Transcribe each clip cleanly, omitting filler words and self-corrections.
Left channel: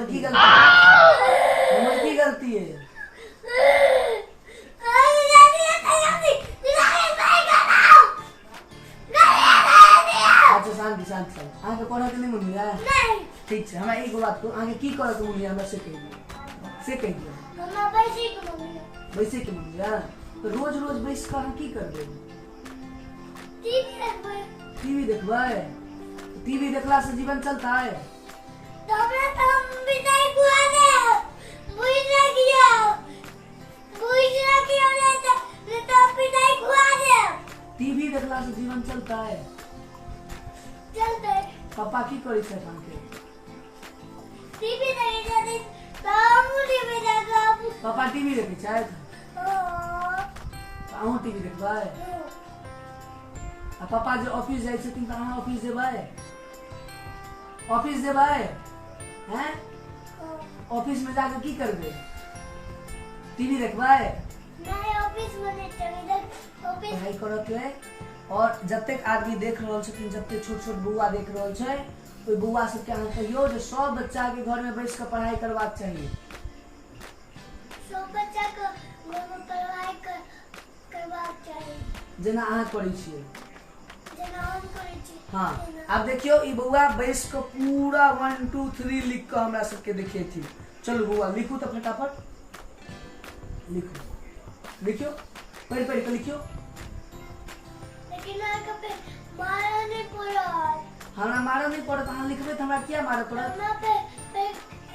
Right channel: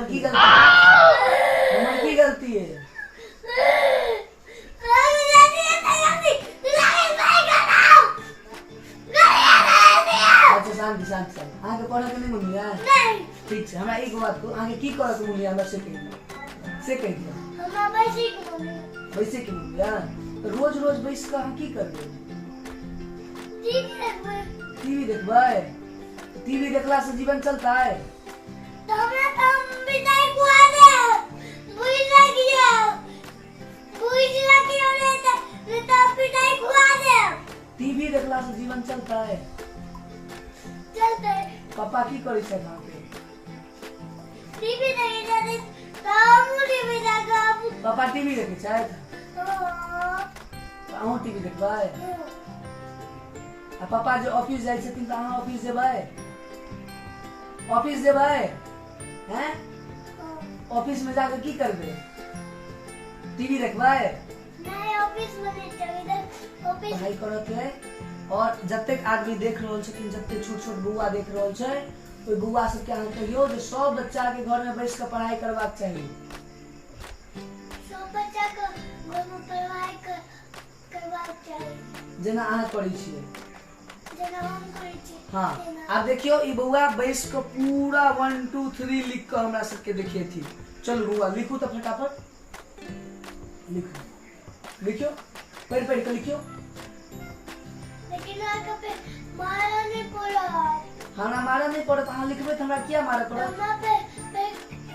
हमर की गलती है? हमर की गलती है? अच्छा शांति शांति शांति अहाँ के पढ़े के नहीं मन लिया ठीक है हमरा एक बात को अहाँ के की करे के मन लिया हमरा से कह दिया हमरा वैसे के मन लिया तो रोज रोज बैस कर हम की करबे टीवी देखबै टीवी देखला से जीवन चलता है हमरा तो हम बिताई कुआ दे बुझला ले तो बिताई कुआ दे टीवी देखला से जीवन चलता है चलते पापा की करै छै अहाँ के टीवी देखे जाते तो हम टीवी देखब पापा टीवी देखै छै अहूँ टीवी देखबै आ पापा जो ऑफिस जाइ छथिन त अहाँ ऑफिस जेबै हैं ऑफिस में जाके की करबै टीवी देखबै नहीं ऑफिस में नहीं चले ऑफिस पढ़ाई करत है और जतेक आदमी देख रहल छथिन जते छोट छोट बौआ देख रहल छै ओइ बौआ सबके अहाँ कहियो जे सब बच्चा के घर में बैस के पढ़ाई करबाक चाहिए सब बच्चा के घर में पढ़ाई करबाक चाहिए जेना अहाँ करै छियै जेना हम करै छी हाँ अब देखियो ई बौआ बैस के पूरा 1 2 3 लिख के हमरा सबके देखेथी चलू बौआ लिखू तो फटाफट लिखियो पढ़ के लिखियो लेकिन आके पे मारा नहीं पड़ा हमरा मारा नहीं पड़त अहाँ लिखबै त हमरा किया मारत पड़त हमरा पे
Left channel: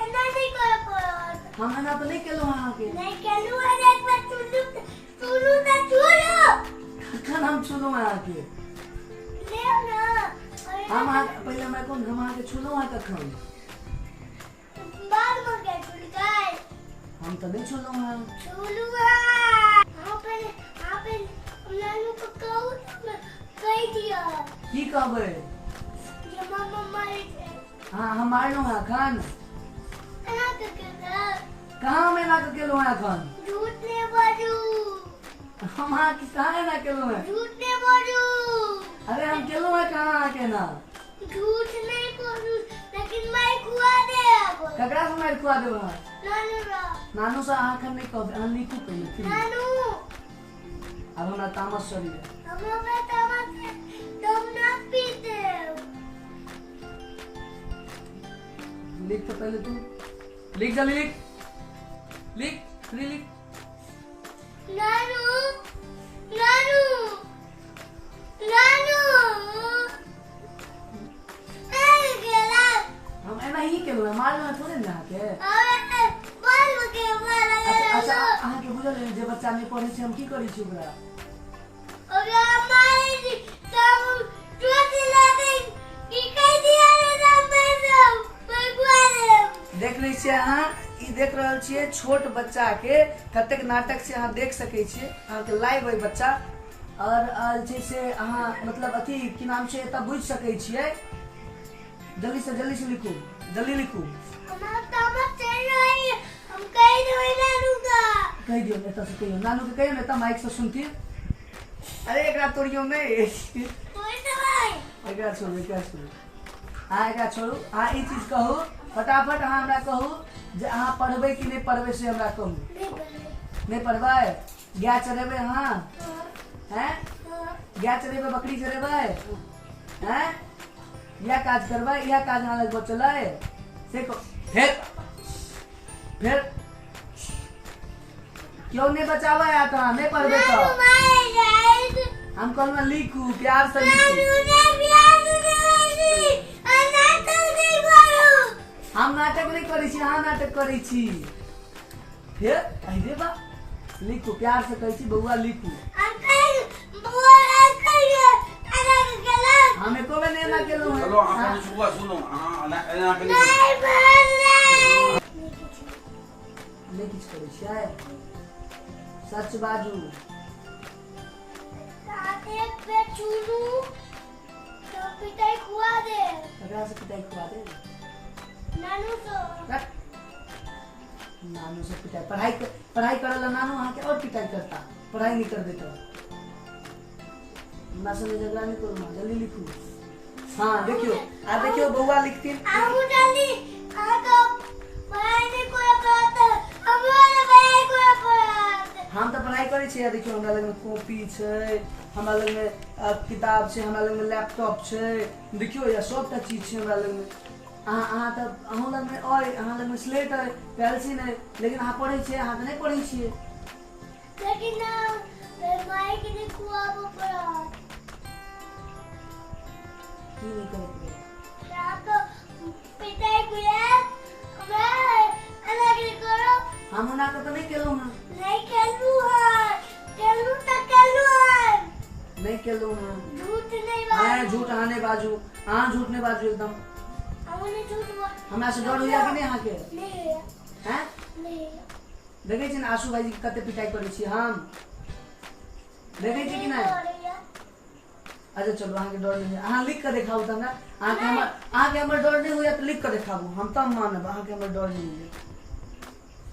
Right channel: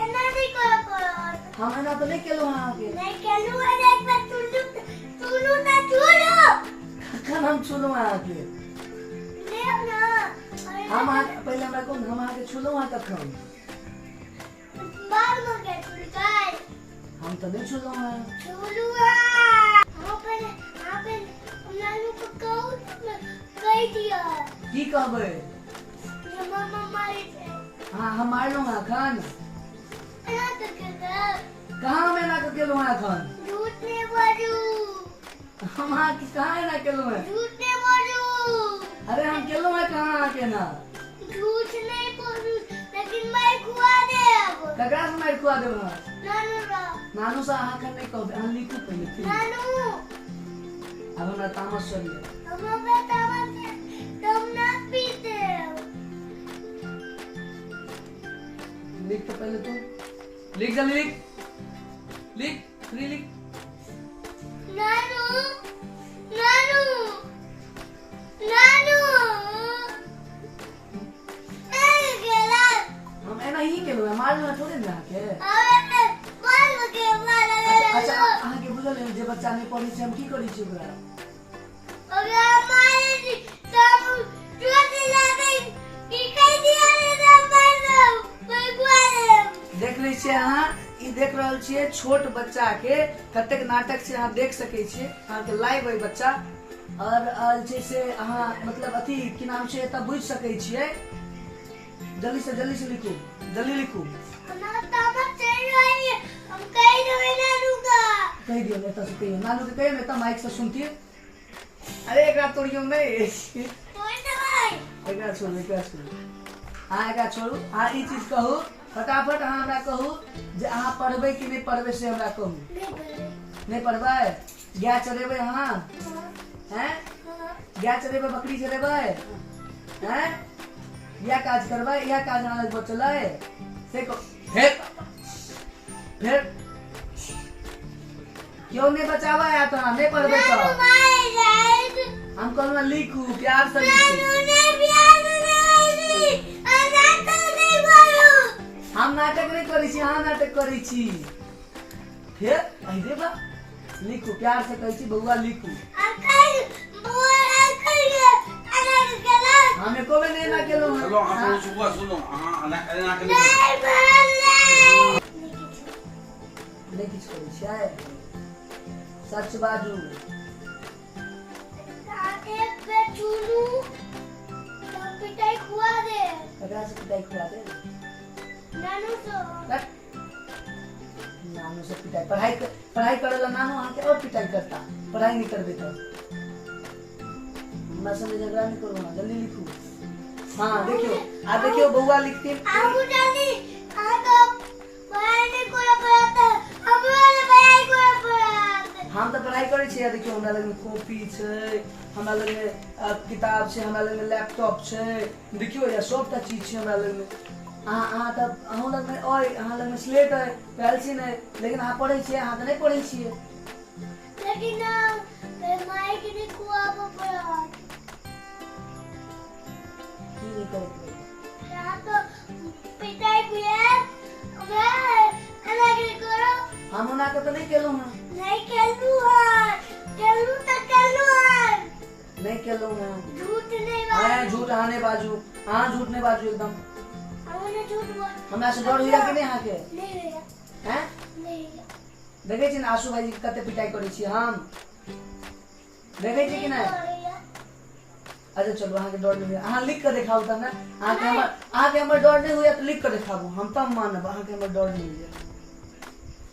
एना नहीं कर पड़ा हम एना तो नहीं केलहुँ अहाँ के नहीं केलू है एक बार चुनू ना चुनो कखन हम छुलहुँ अहाँ के ले ना हम पहले हमरा कोन हम अहाँ के छुलहुँ अहाँ कखन बाल में के चुलकाई हम तो नहीं छुलहुँ अहाँ चुलू आप नानू को कह दिया की कहबै ये मम्मा मारी हाँ हम मारलहुँ अहाँ एखन एना करके कहाँ हम एना के केलहुँ अहाँ एखन झूठ नहीं बोलू हम अहाँ के कहाँ एना केलहुँ है झूठ नहीं बोलू अरे हम केलहुँ है कहाँ अहाँ के ना झूठ नहीं बोलू लेकिन मैं खुआ दे अब ककरा से मारि खुआ देब अहाँ नानू रा नानू से अहाँ एखन नहीं कहबै अहाँ लिखू पहिले फिर नानू अब हमरा तामस चढ़िए हम बेटा मत तुम ना पीते लिख तो पहले तू लिख जल्दी लिख फ्री लिख नानू नानू नानू ए गेला हम एना ही केलहुँ है मारलहुँ है थोड़े ना अहाँ के अरे बाल के मारा अच्छा अहाँ के बुझल है जे बच्चा नहीं पढ़ै छै हम की करै छी ओकरा अरे हमारे सब चोट लगे की कह दिया रे सब देख लै छियै अहाँ ई देख रहल छियै छोट बच्चा के कतेक नाटक से अहाँ देख सकै छियै अहाँ के लाइव है बच्चा और जे से अहाँ मतलब अथी की नाम छै एतऽ बुझि सकै छियै जल्दी से लिखू जल्दी लिखू हमारा तामस चल रही है हम कह रहे नानू का कह दियो एतऽ से कहियो नानू के कहियो ने एतऽ माइक से सुनती अरे एकरा तोड़ियो नहीं कोई दवाई एकरा छोड़ू अहाँ एकरा छोड़ू अहाँ ई चीज कहू फटाफट अहाँ हमरा कहू जे अहाँ पढ़बै कि नहीं पढ़बै से हमरा कहू नहीं पढ़बै गाय चरेबै अहाँ हैं गाय चरेबै बकरी चरेबै हैं यह काज करबै यह काज अहाँ लग बचलै से फिर क्यों नहीं बचाबै या तो नहीं पढ़बै तो हम कहलहुँ लिखू प्यार से लिखू हम नाटक नहीं करै छी अहाँ नाटक करै छी फिर अरे बा लिखू प्यार से कहै छी बउआ लिखू हम एको बेर नहीं ना केलहुँ चलो अपन सुबह सुनो एना के नहीं किछु करै छियै सच बाजू पिटाई खुआ दे एकरा से पिटाई खुआ दे नानू से पिटाई पढ़ाई करेला नानू अहाँ के और पिटाई करता पढ़ाई नहीं करबे तो हमरा संगे झगड़ा नहीं करू जल्दी लिखू हाँ देखियो आ देखियो बउआ लिखती आबू जल्दी पढ़ाई नहीं कोई पढ़ाता हमारे पढ़ाई कोई पढ़ाता हम तो पढ़ाई करे छियै देखियो हमरा लग में कॉपी छै हमरा लग में किताब छै हमरा लग में लैपटॉप छै देखियो या सबटा चीज छै हमरा लग में अहाँ तऽ अहूँ लग में अहाँ लग में स्लेट है पेंसिल है लेकिन अहाँ पढ़ै छियै अहाँ तऽ नहीं पढ़ै छियै लेकिन माई के ने कुआबो पढ़ात की नहीं करे या तो पिटाई कुए मैं अलग करो हम ओना के तो नहीं केलहुँ हँ नहीं खेलू तो खेलू नहीं केलहुँ हँ झूठ नहीं हाँ झूठ अहाँ नहीं बाजू अहाँ झूठ नहीं बाजू एकदम हमने झूठ बोल हमरा से डर होइया कि नहीं अहाँ के नहीं होया हैं नहीं देखे छी ना आशु भाई जी के कते पिटाई करे छी हम देखे छी कि नहीं अच्छा चलो अहाँ के डर नहीं अहाँ लिख के दिखाऊ त ना अहाँ के हमर डर नहीं होइया तो लिख के दिखाबू हम तब मानब अहाँ के हमर डर नहीं होइया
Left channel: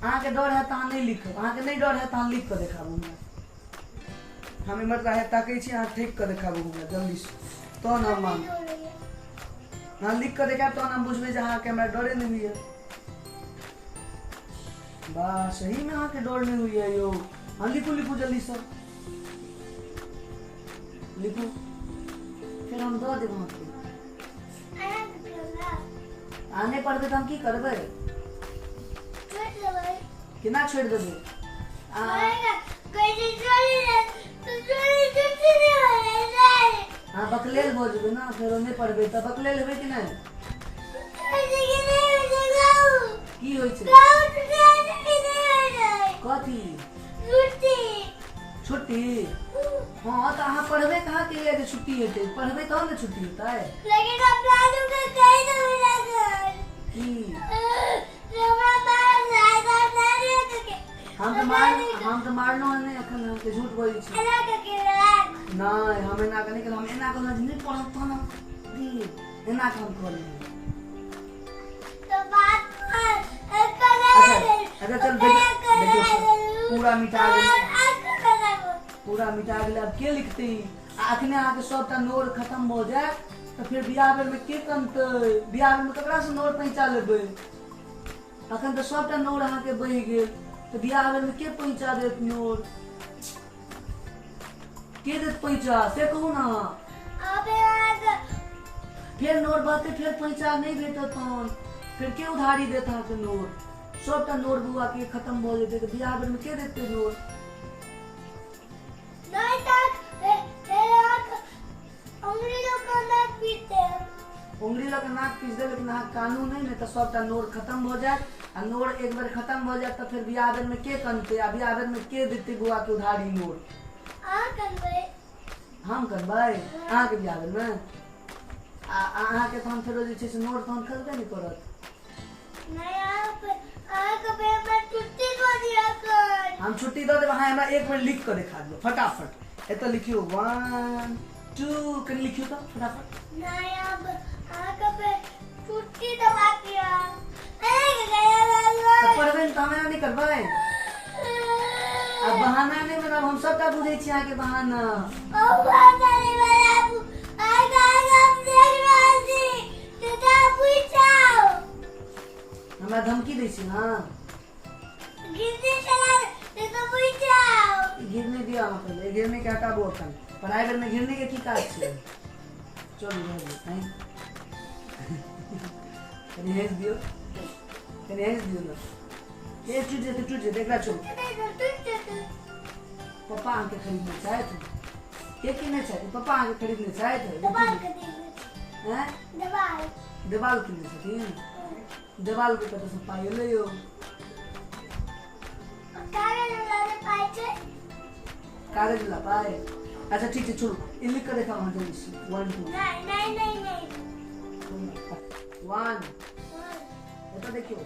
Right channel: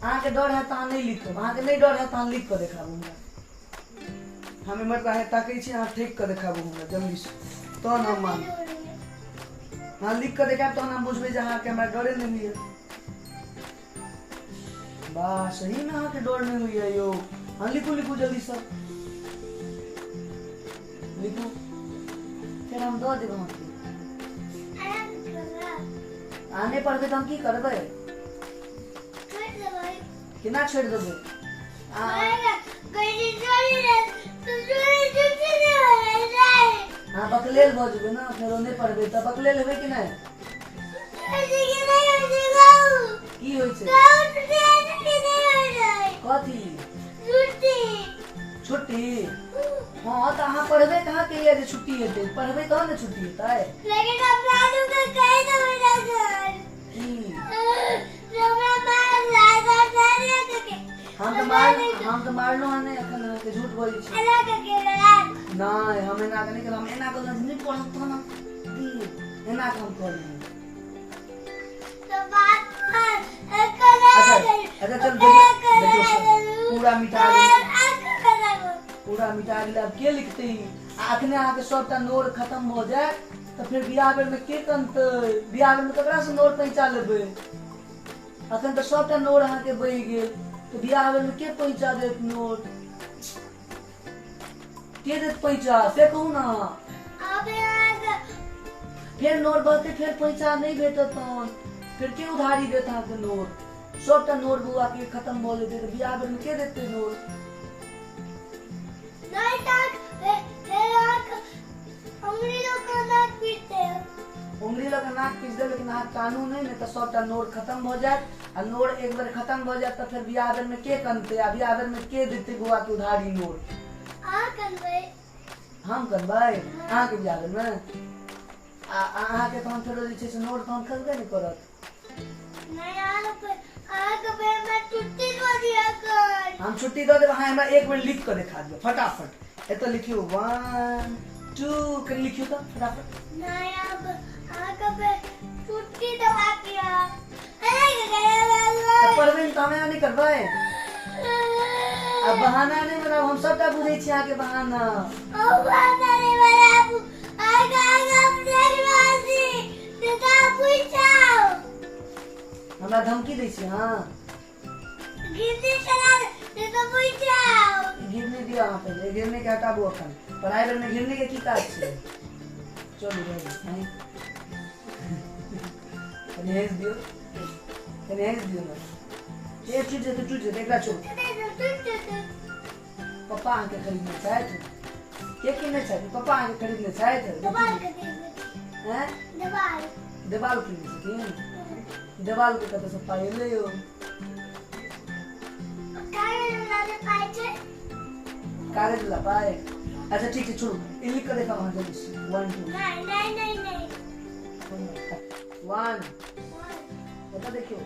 अहाँ के डर है तो अहाँ नहीं लिखब अहाँ के नहीं डर है तो अहाँ लिख के दिखाबू हमरा हम इमर काहे ताकै छी अहाँ ठीक के दिखाबू हमरा जल्दी से तो ना मान अहाँ लिख के दिखाब तो हम बुझबै जे अहाँ के हमरा डरे नहीं होइया वाह सही में अहाँ के डर नहीं होइया यो हाँ लिखू लिखू जल्दी से लिखू फिर हम दो देब अहाँके अहाँ नहीं पढ़बै तो हम की करबै केना छोड़ि देबै अहाँ बकलेल भऽ जेबै ने फेरो नहीं पढ़बै तऽ बकलेल हेबै कि नहीं की होइ छै कथी छुट्टी हाँ तो अहाँ पढ़बे कहाँ के लिए छुट्टी हेतै पढ़बे तहन ने छुट्टी हेतै लेकिन हम लालू के कहि देबै ना सर की हमरा मार लागा के हम तो मारलो है नहीं अखन अहाँ के झूठ बोलै छी अलग के नहीं हम एना के नहीं केलहुँ हम एना के नहीं पढ़ब तहन हम दी एना के हम कहलियै तो बात अच्छा चल देखियो पूरा मिटा गेल पूरा मिटा गेल अब के लिखते अखने अहाँ के सबटा नोर खत्म हो जाए तो फिर बियाह बेर में के कनतै बियाह बेर में ककरा से नोर पहुंचा लेबै अखन तो सबटा नोर अहाँ के बहि गेल तो बियाह बेर में के पहुंचा देत नोर के देत पहुंचा से कहू ना फिर नोर बहते फिर पहुंचा नहीं भेटत तहन फिर के उधारी देत अहाँ के नोर सबटा नोर बुआ के खत्म हो जेतै तो बियाह बेर में के देतै नोर नहीं तक उंगली लोग नाक पीटते उंगली लग नाक पीस दे लेकिन अहाँ कानून है नहीं तो सबटा नोर खत्म हो जाए आ नोर एक बार खत्म हो जाए तो फिर बियाह बेर में के कनते आ बियाह बेर में के देते बुआ के उधारी नोर हम करबै अहाँ के बियाह बेर में अहाँ के तहन फेरो जे छै से नोर तहन खसबे नहीं करत हम छुट्टी दो देब अहाँ हमरा एक बेर लिख के दिखा दियौ फटाफट एतऽ लिखियो 1 2 कर लिखियो तो फटाफट पढ़बै तो हमें नहीं करबै अब बहाना नहीं बनाब हम सबटा बुझै छी अहाँ के बहाना हमरा धमकी दै छी हाँ गिरने दिया अहाँ पहले गिरने के हटाबू अखन पढ़ाई बेर में गिरने के की काज छै चलू नहीं कनी हेस दियो ना ये टूट जेतै एकरा छोड़ पप्पा अहाँ के खरीदने छथि के किने छथि पप्पा अहाँ के खरीदने छथि हैं देवाल किने छथिन देवाल के कतऽ से पाइ एलै यौ कागज ला पाए अच्छा ठीक है छोड़ो ये लिख कर देखा वहाँ जल्दी से 1 2 1 बता देखियो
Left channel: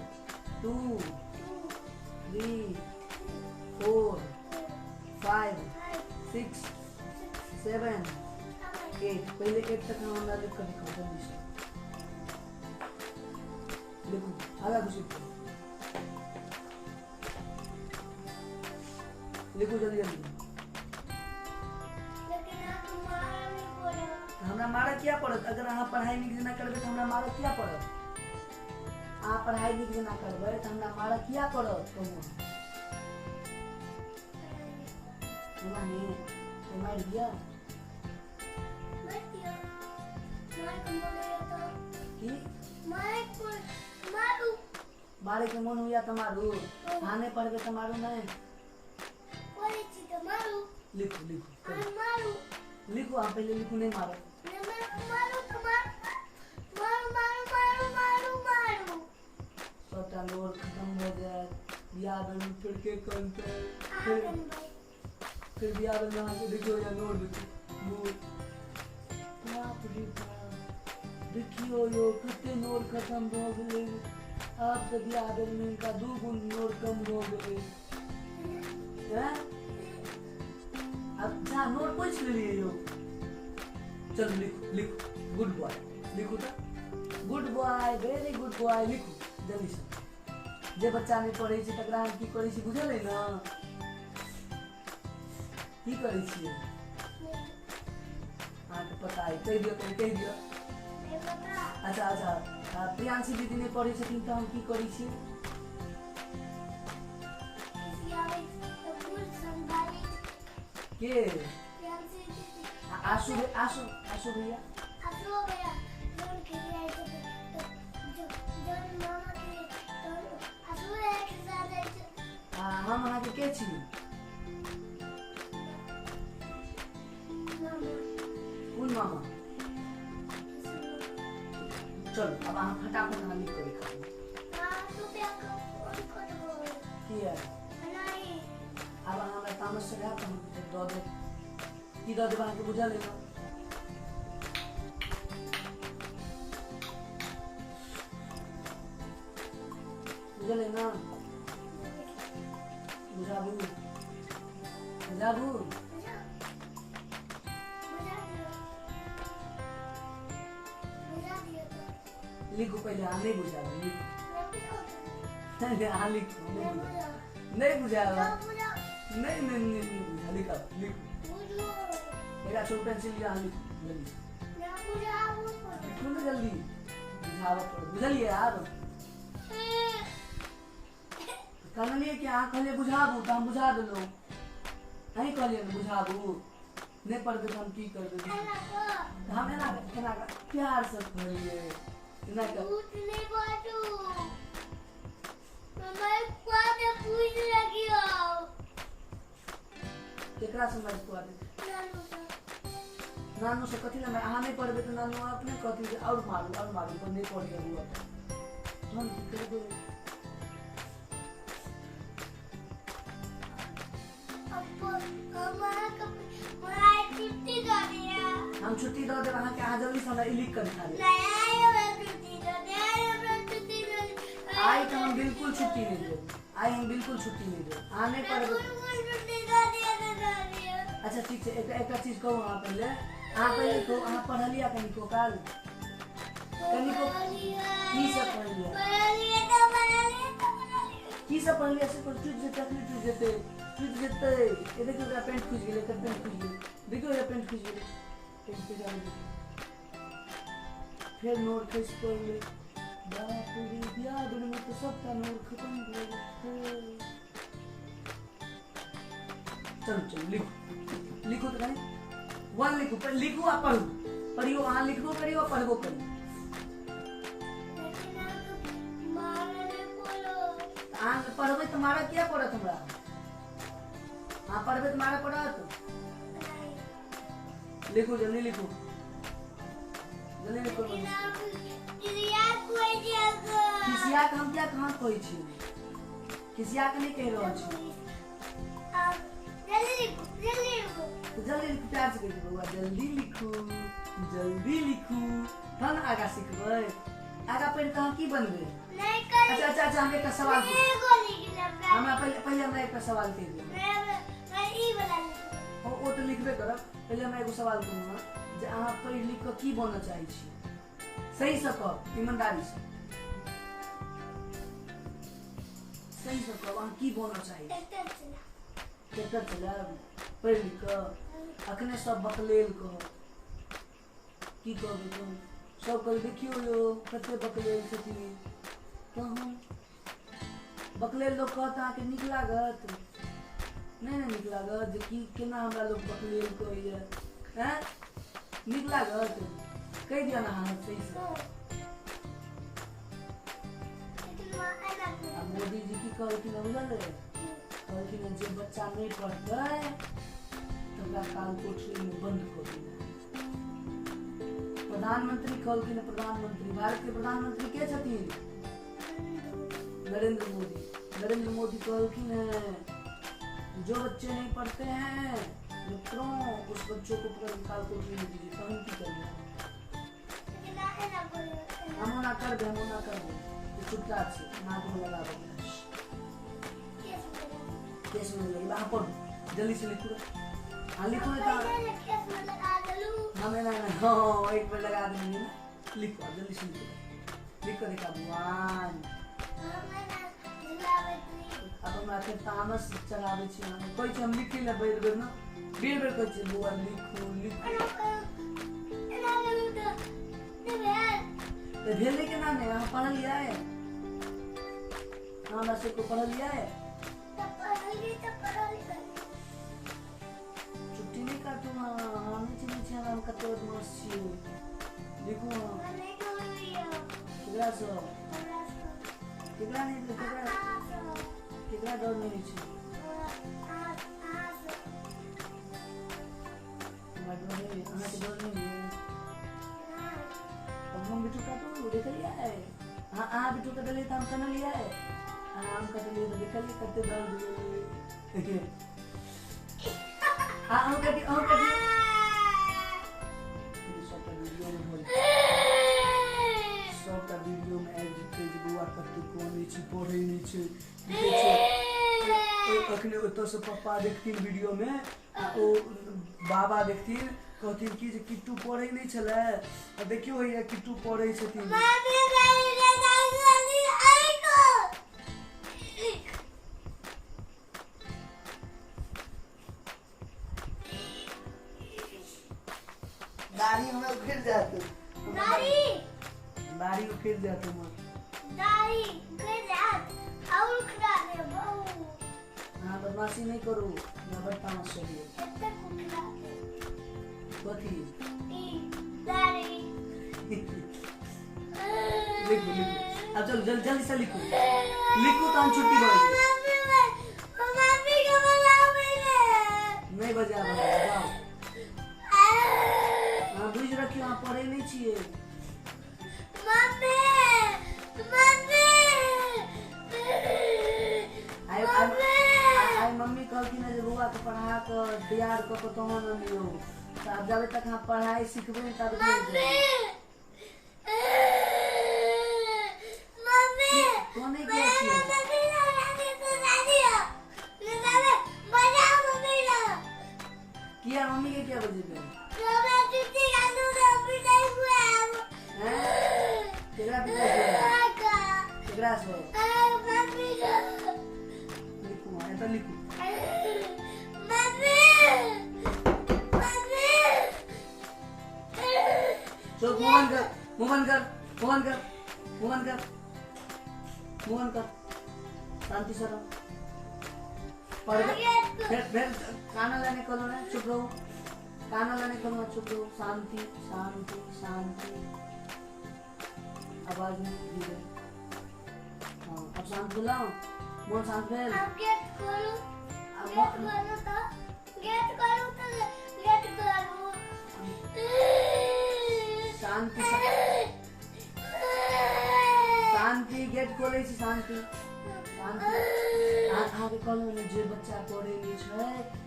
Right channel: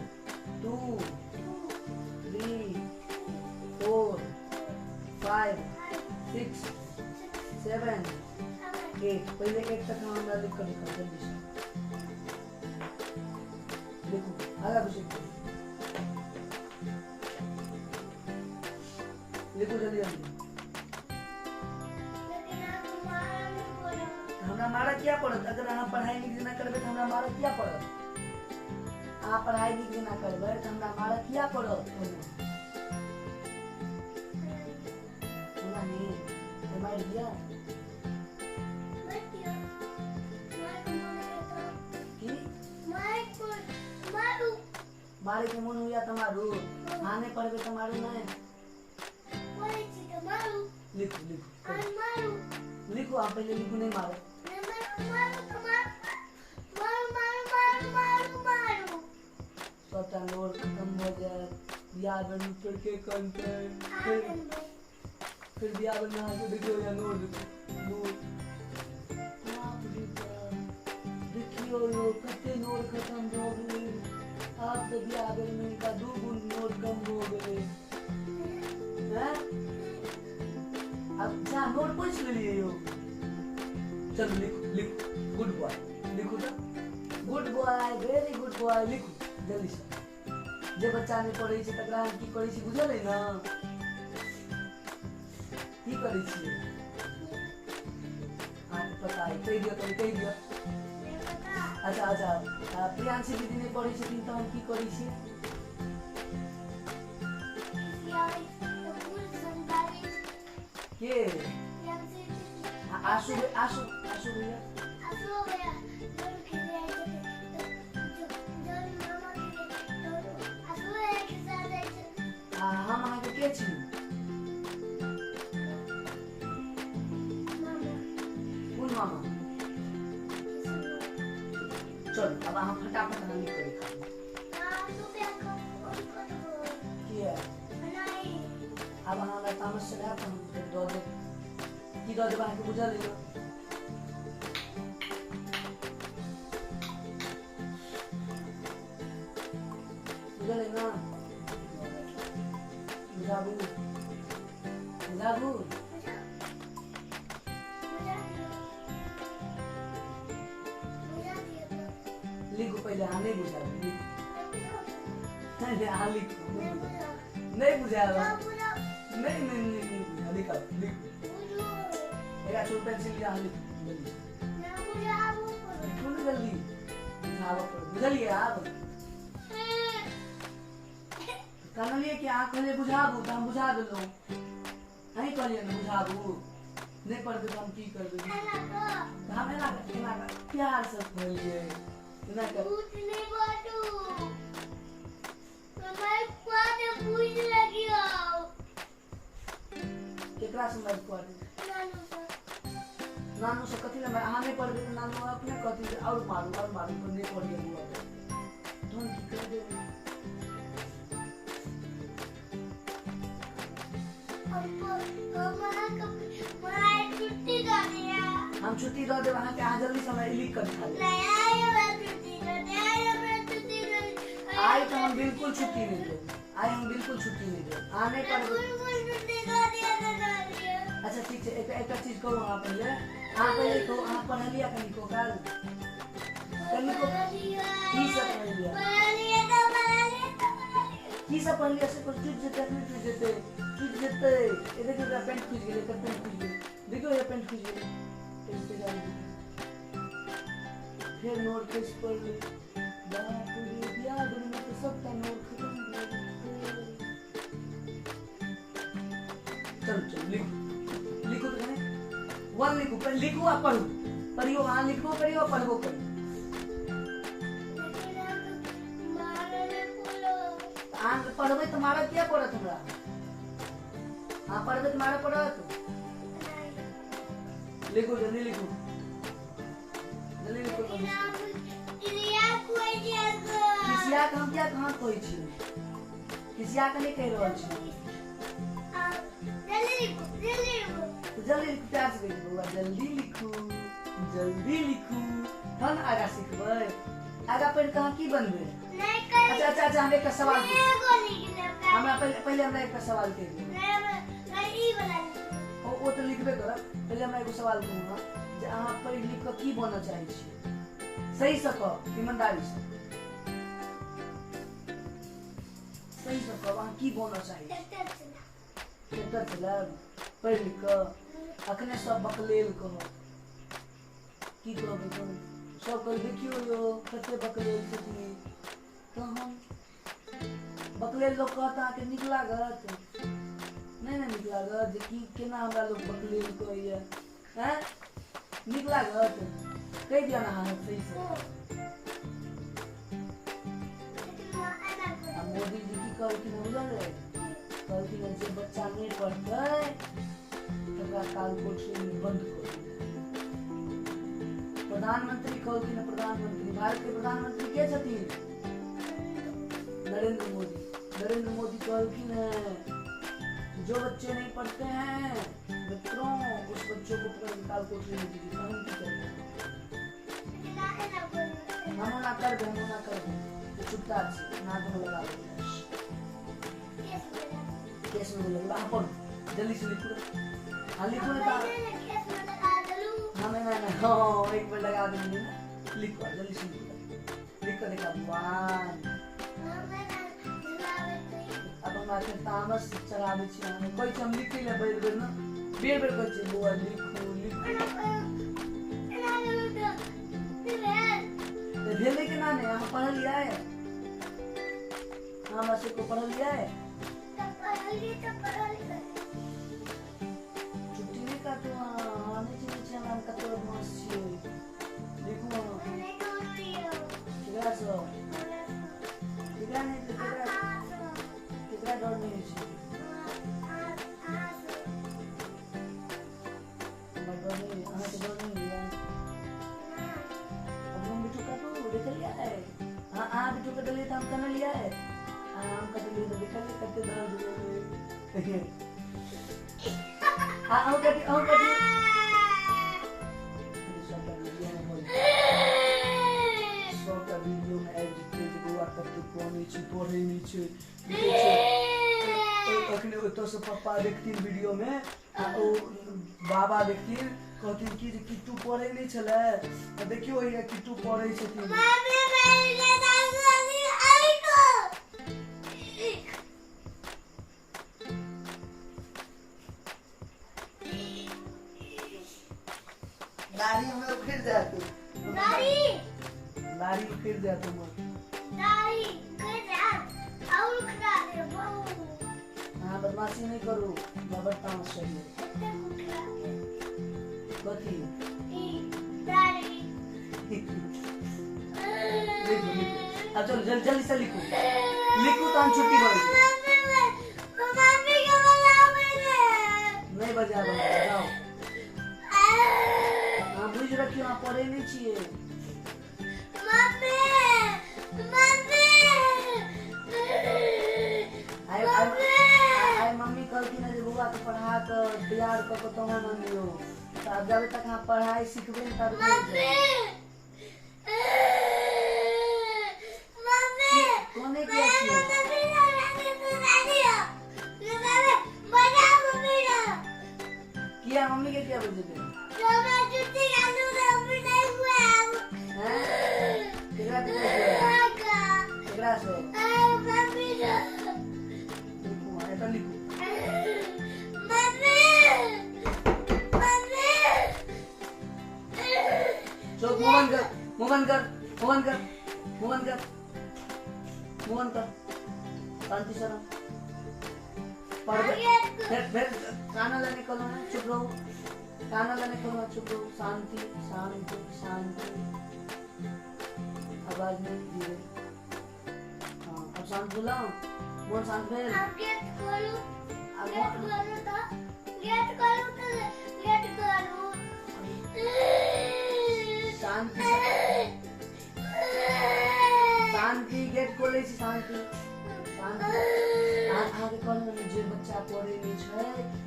2 3 4 5 6 7 8 पहले 8 तक हम लिख कर दिखाओ जल्दी से लिखो आगे कुछ लिखो जल्दी जल्दी हमरा मारा क्या पड़त अगर अहाँ पढ़ाई लिख ना करबे तो हमरा मारा क्या पड़त अहाँ पढ़ाई नीक जेना करबै तऽ हमरा मारऽ किया पड़त कोनो नहीं मार दिया की मारे के मन हुआ तो मारू हाँ नहीं पढ़बे तो मारू नहीं लिखो लिखो लिखो आप पहले लिखो नहीं मारो सबटा नोट खत्म हो जाए बियाह में करके करके फिर बियाह में आके देखियो या नोट वो देखियो यो कितने नोट खत्म हो गए आप तो बियाह में का 2 गुण नोट कम हो गए हैं अच्छा नोट पूछ लिए यो चल लिखो लिखो गुड बॉय लिखो तो good boy very good boy लिखो जल्दी से जे बच्चा नहीं पढ़े छै तकरा हम की करै छी बुझल है ना की करै छी हां तो पता है कह दियो अच्छा अच्छा प्रियांशी दीदी नहीं पढ़े छथिन तो हम की करै छी के आशु आशु आशु भैया हम अहाँ के छी कौन मामा चल अब अहाँ फटाफट नाम लिख कर किया अब अहाँ तामस से गया हम दो दो की दो जब अहाँ के बुझा लेलो बुझा लेना जाबू जाबू लिखो पहले हाँ नहीं बुझा हाँ लिखो नहीं बुझा नहीं बुझा लिखा लिखो मेरा छोटा पेंसिल लिया हाँ लिखो जल्दी बुझलिए आप कहलिए कि अहाँ कहलिए बुझाबू तो हम बुझा देलो नहीं कहलिए बुझाबू नहीं पढ़बे तो हम की करबे हम एना प्यार से कहलिए ना कर नहीं बाटू मैं क्वाद पूछ लगियो केकरा से मैं क्वाद नानू नानू से कथि ले मैं अहाँ नहीं पढ़बे तो नानू अपने कथि और मारू तो नहीं पढ़िए बुआ तो हम की करबे हम छुट्टी दो दे वहां के आ जल्दी से हमरा लिख कर खा ले आई तो हम बिल्कुल छुट्टी नहीं दे आई हम बिल्कुल छुट्टी नहीं दे आने पर अच्छा ठीक है एक चीज कहूं आप पहले को आप पढ़ लिया कहीं को काल कहीं को की सब पढ़ लिया की सब पढ़ लिया से कुछ चीज देते ये देखो ये पेंट खींच गेले पेंट खींच गेले देखो ये पेंट खींच गेले पेंट पे जा फिर नोट पेज पर ले बाप रे याद में तो सब का नोट खत्म हो गया चल लिखो लिखो तो करें वन लिखो पर लिखो आप पढ़ो पढ़ियो हां लिखो करियो पढ़बो करियो आंग पढ़बे तुम्हारा क्या पढ़त हमरा हाँ पढ़बे तुम्हारा पढ़त लिखो जल्दी लिखो किसिया हम क्या कहाँ कहै छी किसिया के नहीं कह रहल छी जल्दी लिखो प्यार से कहियो बउआ जल्दी लिखू हम आगा सीखबै आगा पढ़ के की बनबे अच्छा हम एक सवाल हमरा पहले हमरा एक सवाल कह दो वो तो लिखबे करब पहले हमरा एगो सवाल करूंगा जे अहाँ पढ़ लिख के की बनना चाहै छी सही से कह ईमानदारी से सही से कह अहाँ की बनना चाहै छी ट्रैक्टर चलाब पढ़ लिख के अखने सब बकलेल कहो की कहबे तुम सब कह देखियो यो कते बकलेल छथिन तो हम बकलेल लोग कहता कि निक लागत नहीं नहीं निक लागत जे की केना हमरा लोग बकलेल कहैया हैं निक लागत कह दिया ना हाँ सही से आ मोदी जी की कहलखिन बुझल है कहलखिन जे बच्चा नहीं पढ़तै तकरा काल कोठरी में बंद कर दिया प्रधानमंत्री कहलखिन प्रधानमंत्री भारत के प्रधानमंत्री के छथिन नरेंद्र मोदी कहलखिन जो बच्चे नहीं पढ़ते हैं मित्रों उस बच्चों को काल कोठरी में दीजिए तो हम की करेंगे हम ना कर दे तो चुपचाप से नाक में लगा देंगे केस में लगा हाँ पढ़ो जल्दी से लिखो हाँ लिखो ना हमें ना हाँ एक मिनट लगा देंगे लिखो जल्दी से लिखो देखा भगवान अब हम आखिर तामस चढ़ावे छी हम कोई हम लिखे ले बेर बेर न बेर बेर कहै छै बुआ लिखो तो भेले के ना नहीं हम पढ़ लिया है हम ऐसे को पढ़ लिया है छुट्टी नहीं काटू हाँ नीचे हम कतो बदमाश छी लिखो केकरा सो केकरा नहीं केकरा डर नहीं छै हमरा डर नहीं अहाँ के डर नहीं है अब हम बिटू का तो देख लिया है हाँ बिटू का डर हम कर लिया है हम कर लिए तो देख लिया करते दर्द आओ कटी सबटा वीडियो में आबि जेतै जे बौआ कते कमे छै पढ़ै नहि छै देखै छै अखने ओतऽ से पप्पा देखथिन वीडियो में आ ओ बाबा देखथिन कहथिन कि जे किट्टू पढ़ै नहि छलै देखियो हैया किट्टू पढ़ै छथिन दाढ़ी हमरा उखड़ जाते दाढ़ी उखड़ जाते मां हाँ बदमाशी नहीं करो जबरदस्ती चाहिए कथी लिखो अब चलो जल्दी से लिखो तो हम छुट्टी भर नहीं बजा जाओ हाँ बुझ रखियो हाँ पढ़े नहीं चाहिए मम्मी कहती ना बउआ के पढ़ा के तैयार क के तहन अनियो तब जब तक हम पढ़ाई सीखबे तब कोने के छियो किया मम्मी के क्या बजे केकरा से लिखो ऐसा लिखो चल मोहन कर शांति से रहो पढ़ फिर काना लाने खोलो ना चुप रहो काना लाने खोलो चुप रहो शांति आवाज नहीं धीरे हाँ अब शांत बुलाओ मोहन शांत भेल गेट खोलो शांति गेट खोले छी शांति आगे कहलहुँ जे बच्चा पढ़े नहीं छै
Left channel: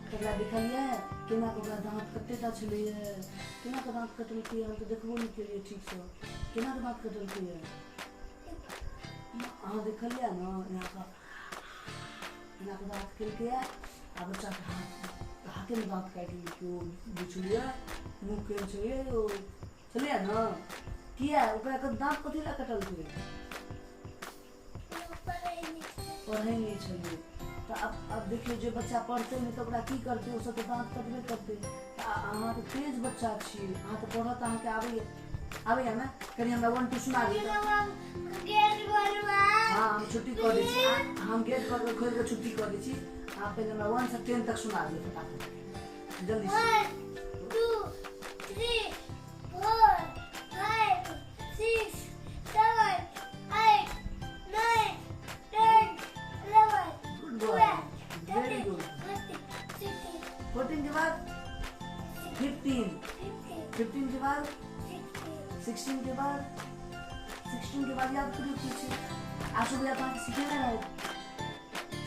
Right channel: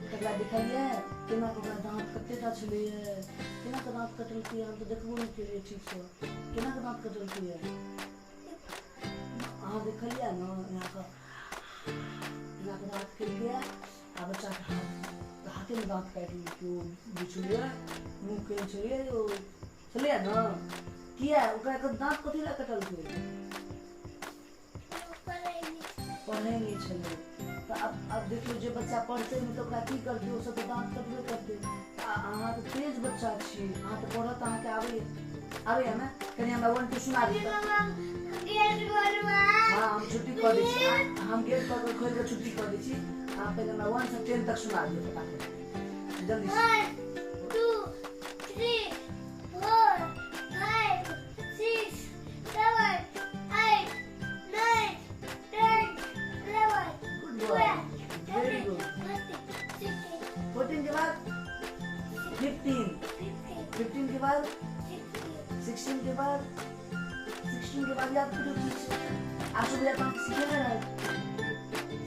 तकरा देखलियै केना ओकरा दाँत कतेटा छलैया केना के दाँत कटलकै हम तो देखबो नहीं केलियै ठीक से केना के दाँत कटलकै अहाँ देखलियै ने यहाँ के दाँत केलकै आ बच्चा के हाथे में दाँत काटि लेलकै बुझलियै मुँह केहन छलैया ने किया ओकरा दाँत कथी लए कटलकै पढ़े नहीं छले तो अब देखियो जे बच्चा पढ़ते नहीं तो ओकरा की करते ओ सब तो दांत कटबे करते अहाँ तो तेज बच्चा छी अहाँ तो पढ़त अहाँ के आबे ना कनी हमरा 1 2 सुना दियौ गेट खोलवा हाँ हम छुट्टी कर दी छी हम गेट पर खोल के छुट्टी कर दी छी आप पहले मैं 1 से 10 तक सुना दिए फटाफट जल्दी से 1 2 3 4 5 6 7 8 9 10 11 गुड बॉय वेरी गुड 14 के बाद 15 15 के बाद 16 के बाद 16 के बाद याद करिए पीछे आप सब याद आप सीखे ना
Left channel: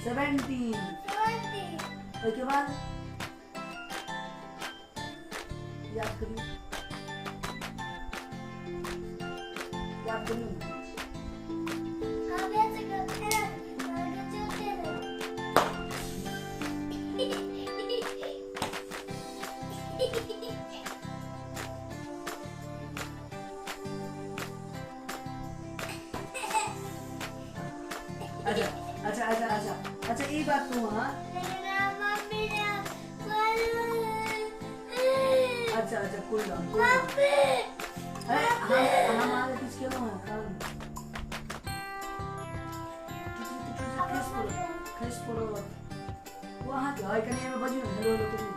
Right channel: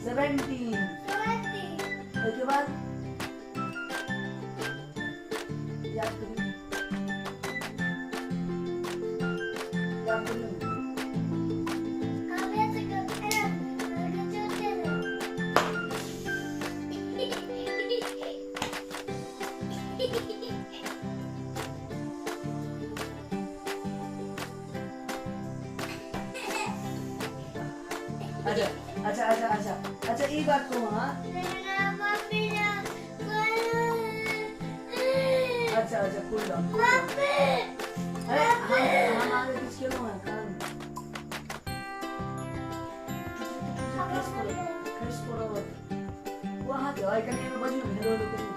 17 उसके बाद याद करिए अच्छा ये बात को हाँ अच्छा कोई बात अरे हम आगे कुछ खेलो हैं काम खस पड़ो वहाँ के आई कहीं में बजी हेलो हेलो करी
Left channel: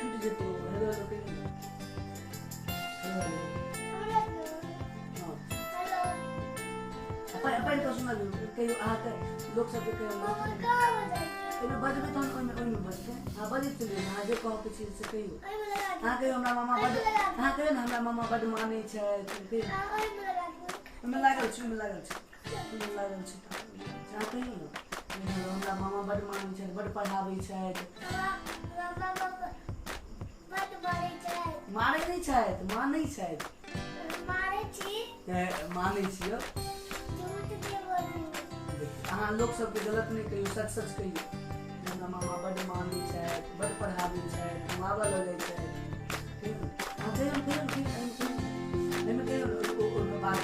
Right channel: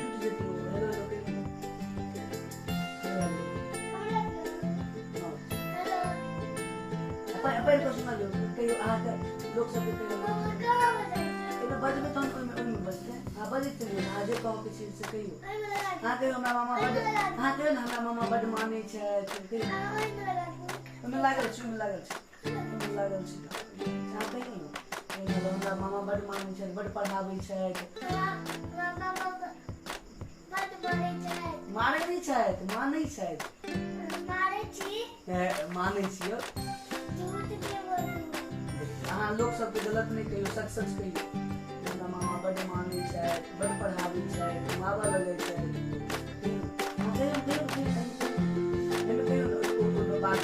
टूट जेतो हेलो हेलो करी अपन तो सुना लो कई आके लोग सब कहते हैं तो बज में तो कोई में बजते हैं हां बजे चलिए हां जे कहू के चीज से कहियो हां कहियो हमरा मामा बड हां कहियो ना हमरा मामा बड मानै छै कहियो में लागल छै हां कहियो हमरा मामा बड मानै छै बड पढ़ाबै छै मारै नहीं छै मानै छै मानै छियो अहाँ लोग सबके गलत नहीं कहियो सच सच कहियो हमरा मामा बड मानै छै बड पढ़ाबै छै घुमाबऽ लगै छै हम कहियो एमे कहियो बात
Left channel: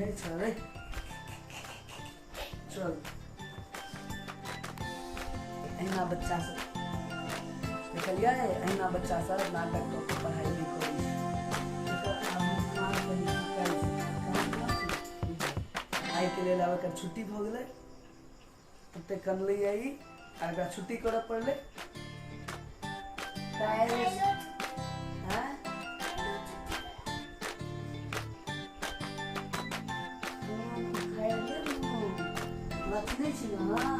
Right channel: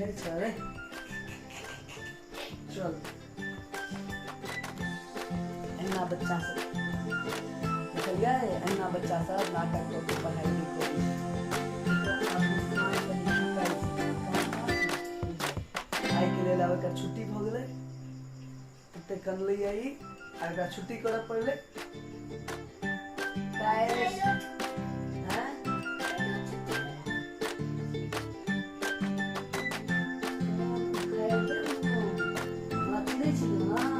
हे चल चल अहिना बच्चा सब देखलिए अहिना बच्चा सब नाटक कऽ के पढ़ाई नहीं करै आई के लेल अब एकर छुट्टी भ गेलै ओते कनलै आई आ एकरा छुट्टी करऽ पड़लै नहीं चाहिए हाँ